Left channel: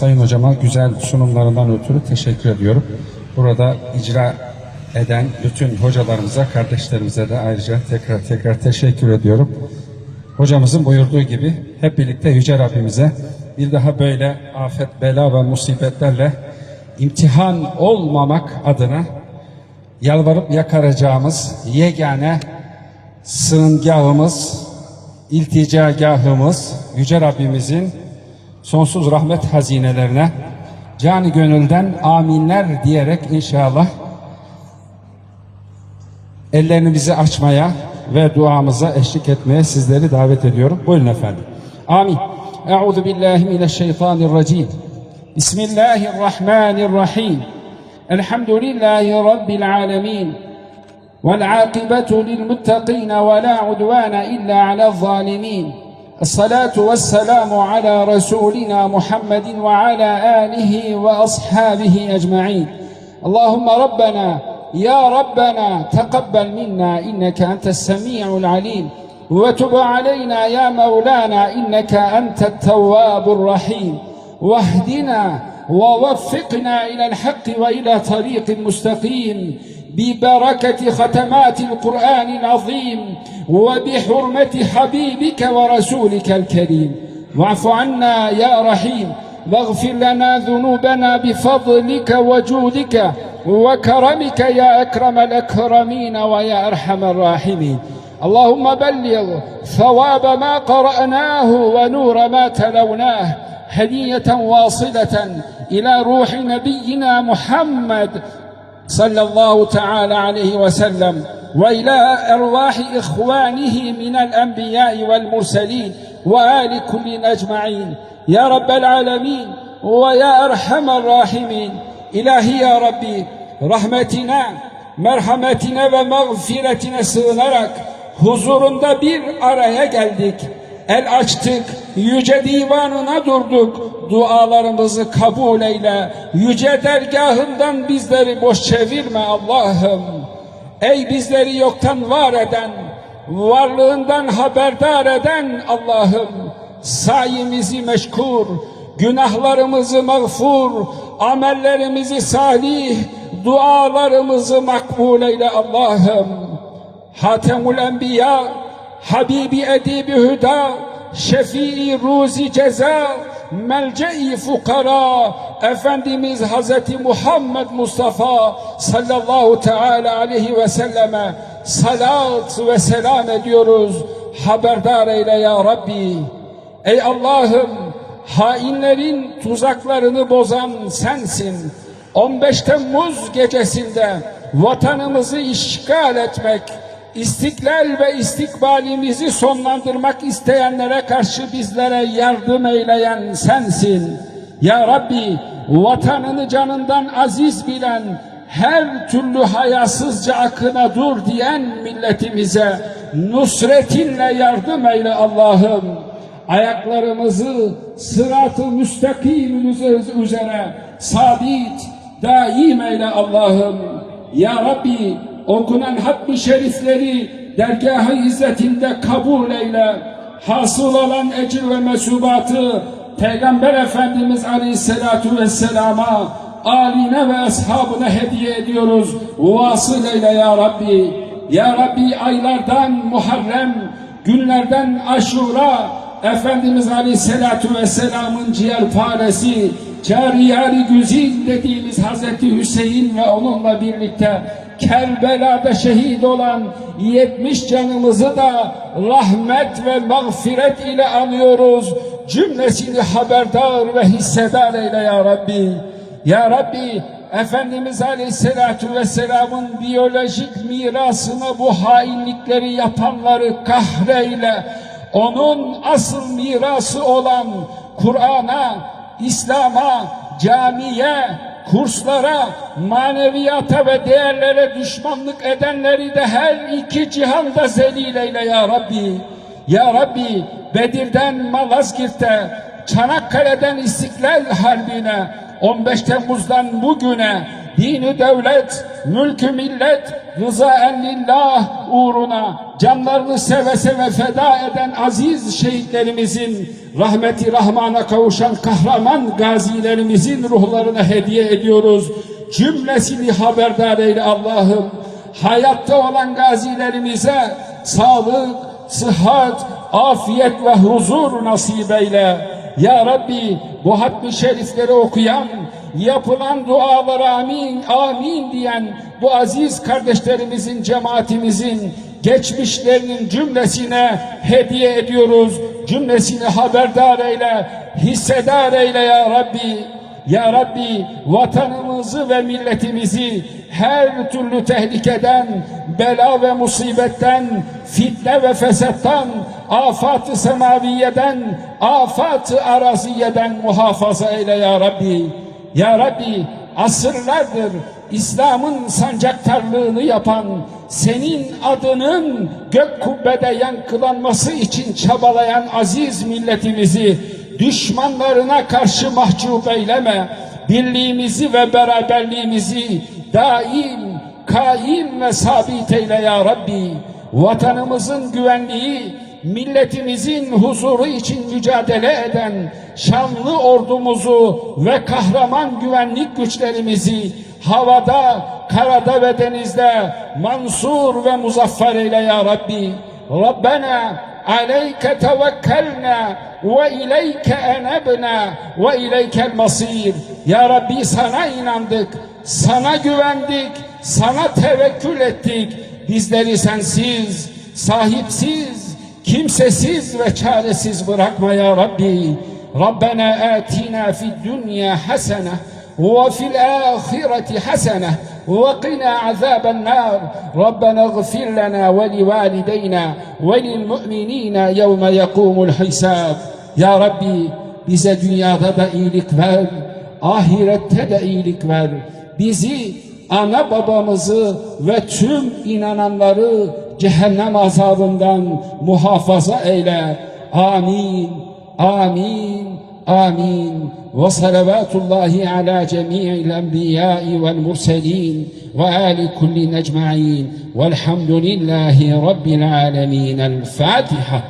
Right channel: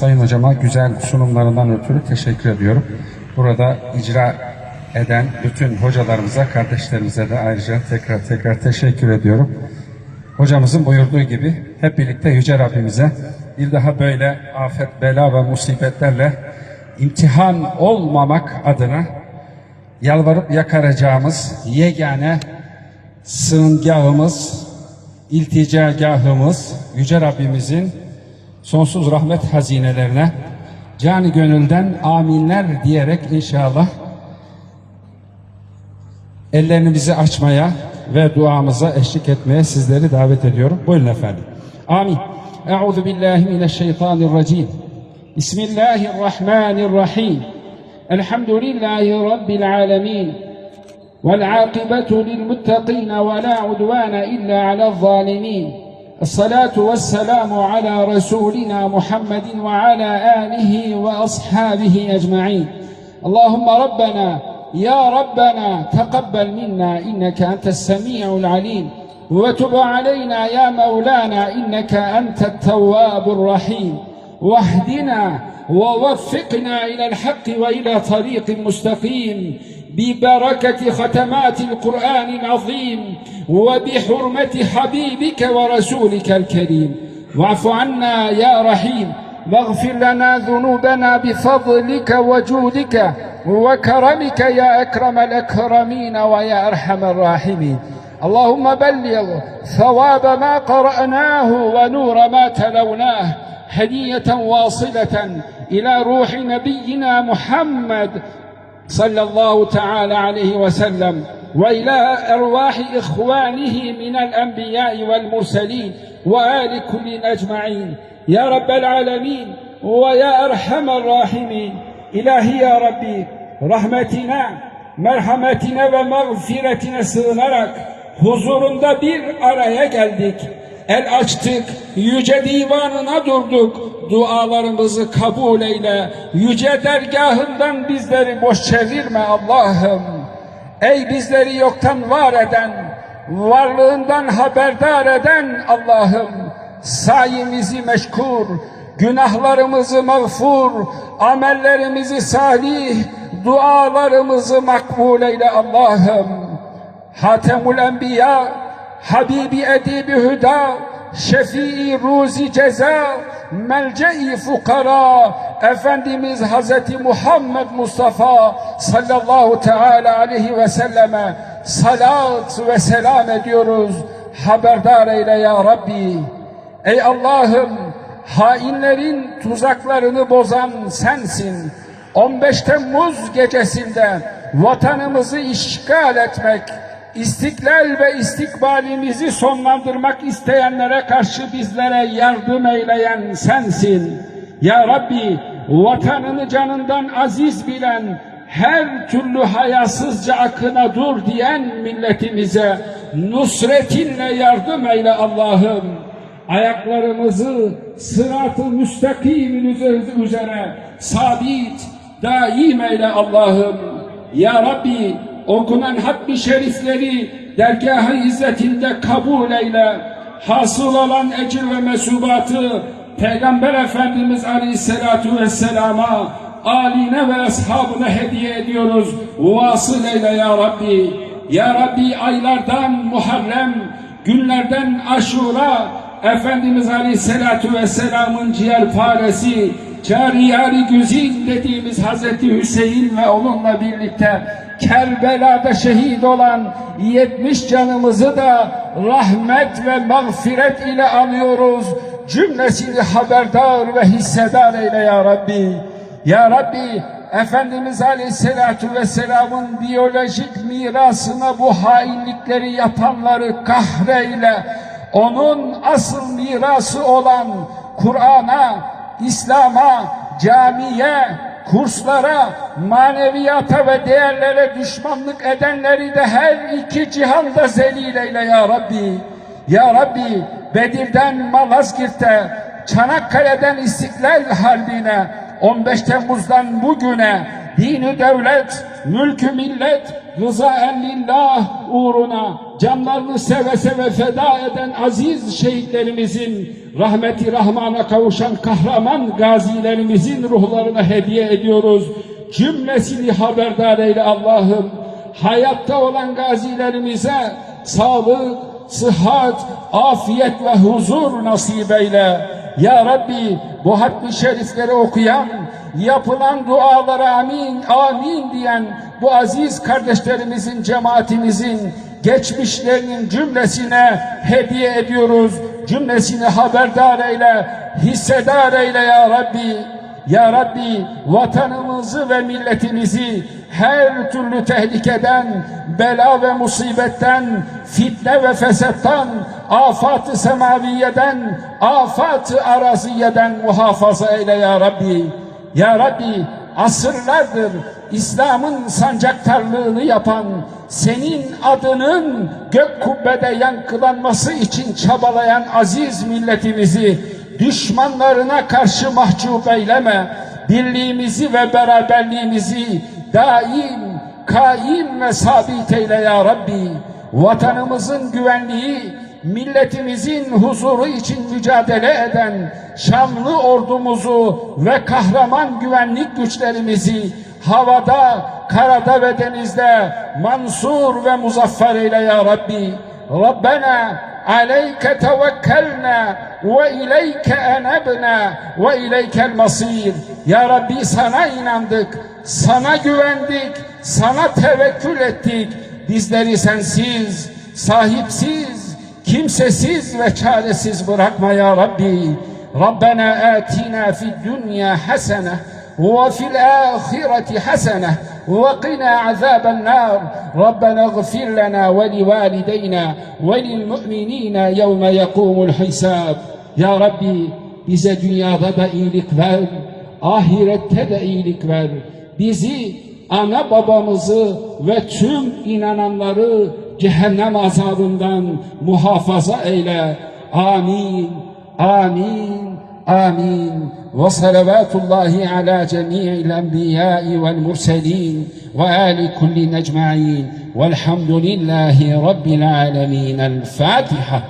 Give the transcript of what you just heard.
Sayın hocama güzel sunumlarından ötürü teşekkür ediyorum. Burada icra eden bütün hocalarımıza, kardeşlerimize de ayrıca tekrar tekrar teşekkür ediyorum. Hocamızın buyurduğu gibi hep birlikte Yüce Rabbimize bir daha böyle afet, bela ve musibetlerle imtihan olmamak adına yalvarıp yakaracağımız yegane sığıngahımız, ilticagahımız Yüce Rabbimizin sonsuz rahmet hazinelerine canı gönülden aminler diyerek inşallah ellerimizi açmaya ve duamıza eşlik etmeye sizleri davet ediyorum. Buyurun efendim. Amin. Euzu billahi mineşşeytanirracim. Bismillahirrahmanirrahim. Elhamdülillahi rabbil alamin. Vel akibatu lil muttaqin ve la udvane illa alel zalimin. الصلاة والسلام على رسولنا محمد وعلى آله وأصحابه أجمعين. اللهم ربنا يا ربنا تقبل منا إنك أنت السميع العليم. وتب علينا يا مولانا إنك أنت التواب الرحيم. واهدنا ووفقنا إلى الحق وإلى طريق مستقيم ببركة ختمات القرآن العظيم وبحرمة حبيبك ورسولك الكريم. واعف عنا يا رحيم. واغفر لنا ذنوبنا بفضلك وجودك وكرمك يا أكرم الأكرمين ويا أرحم الراحمين. اللهم بلغ ثواب ما قرأناه ونور ما تلوناه. هدية واصلة إلى روح نبينا محمد صلى الله تعالى عليه وسلم وإلى أرواح إخوانه من الأنبياء والمرسلين وآل كل أجمعين. يا رب العالمين ويا أرحم الراحمين. إلهي يا ربي رحمتنا merhametine ve mağfiretine sığınarak huzurunda bir araya geldik. El açtık, yüce divanına durduk. Dualarımızı kabul eyle. Yüce dergahından bizleri boş çevirme Allah'ım. Ey bizleri yoktan var eden, varlığından haberdar eden Allah'ım. Sayimizi meşkur, günahlarımızı mağfur, amellerimizi salih, dualarımızı makbul eyle Allah'ım. Hatemul Enbiya, Habibi Edibi Hüda, Şefii Ruzi Ceza, Melce-i Fukara, Efendimiz Hazreti Muhammed Mustafa sallallahu teala aleyhi ve selleme salat ve selam ediyoruz. Haberdar eyle ya Rabbi. Ey Allah'ım hainlerin tuzaklarını bozan sensin. 15 Temmuz gecesinde vatanımızı işgal etmek, istiklal ve istikbalimizi sonlandırmak isteyenlere karşı bizlere yardım eyleyen sensin. Ya Rabbi vatanını canından aziz bilen, her türlü hayasızca akına dur diyen milletimize nusretinle yardım eyle Allah'ım. Ayaklarımızı sırat-ı müstakimin üzere sabit, daim eyle Allah'ım. Ya Rabbi okunan hakkı şerifleri dergah-ı izzetinde kabul eyle. Hasıl olan ecir ve mesubatı Peygamber Efendimiz Aleyhisselatu Vesselam'a aline ve ashabına hediye ediyoruz. Vasıl eyle ya Rabbi. Ya Rabbi aylardan Muharrem, günlerden Aşura, Efendimiz Aleyhisselatu Vesselam'ın ciğerparesi, Cariyari Güzin dediğimiz Hazreti Hüseyin ve onunla birlikte Kerbela'da şehit olan 70 canımızı da rahmet ve mağfiret ile anıyoruz. Cümlesini haberdar ve hissedar eyle ya Rabbi. Ya Rabbi Efendimiz Aleyhisselatü Vesselam'ın biyolojik mirasına bu hainlikleri yapanları kahreyle onun asıl mirası olan Kur'an'a, İslam'a, camiye, kurslara, maneviyata ve değerlere düşmanlık edenleri de her iki cihanda zelil eyle ya Rabbi. Ya Rabbi Bedir'den Malazgirt'e, Çanakkale'den İstiklal Harbi'ne, 15 Temmuz'dan bugüne dini devlet, mülkü millet, rızaen lillah uğruna canlarını seve seve feda eden aziz şehitlerimizin rahmeti rahmana kavuşan kahraman gazilerimizin ruhlarına hediye ediyoruz. Cümlesini haberdar eyle Allah'ım. Hayatta olan gazilerimize sağlık, sıhhat, afiyet ve huzur nasip eyle. Ya Rabbi bu hatmi şerifleri okuyan, yapılan dualara amin, amin diyen bu aziz kardeşlerimizin, cemaatimizin geçmişlerinin cümlesine hediye ediyoruz. Cümlesini haberdar eyle, hissedar eyle ya Rabbi. Ya Rabbi vatanımızı ve milletimizi her türlü tehlikeden, bela ve musibetten, fitne ve fesattan, afat-ı semaviyeden, afat-ı araziyeden muhafaza eyle ya Rabbi. Ya Rabbi asırlardır İslam'ın sancaktarlığını yapan, senin adının gök kubbede yankılanması için çabalayan aziz milletimizi düşmanlarına karşı mahcup eyleme. Birliğimizi ve beraberliğimizi daim, kaim ve sabit eyle ya Rabbi. Vatanımızın güvenliği, milletimizin huzuru için mücadele eden şanlı ordumuzu ve kahraman güvenlik güçlerimizi havada, karada ve denizde mansur ve muzaffer eyle ya Rabbi. Rabbena aleyke tevekkelna ve ileyke enebna ve ileykel masir. Ya Rabbi sana inandık, sana güvendik, sana tevekkül ettik. Bizleri sensiz, sahipsiz, kimsesiz ve çaresiz bırakma ya Rabbi. Rabbena atina fid dünya hasene وفي الآخرة حسنة وقنا عذاب النار ربنا اغفر لنا ولوالدينا وللمؤمنين يوم يقوم الحساب Ya Rabbi bize dünyada da iyilik ver, ahirette de iyilik ver. Bizi, ana babamızı ve tüm inananları cehennem azabından muhafaza eyle. Amin, amin, amin. وصلوات الله على جميع الأنبياء والمرسلين وآل كل أجمعين والحمد لله رب العالمين الفاتحة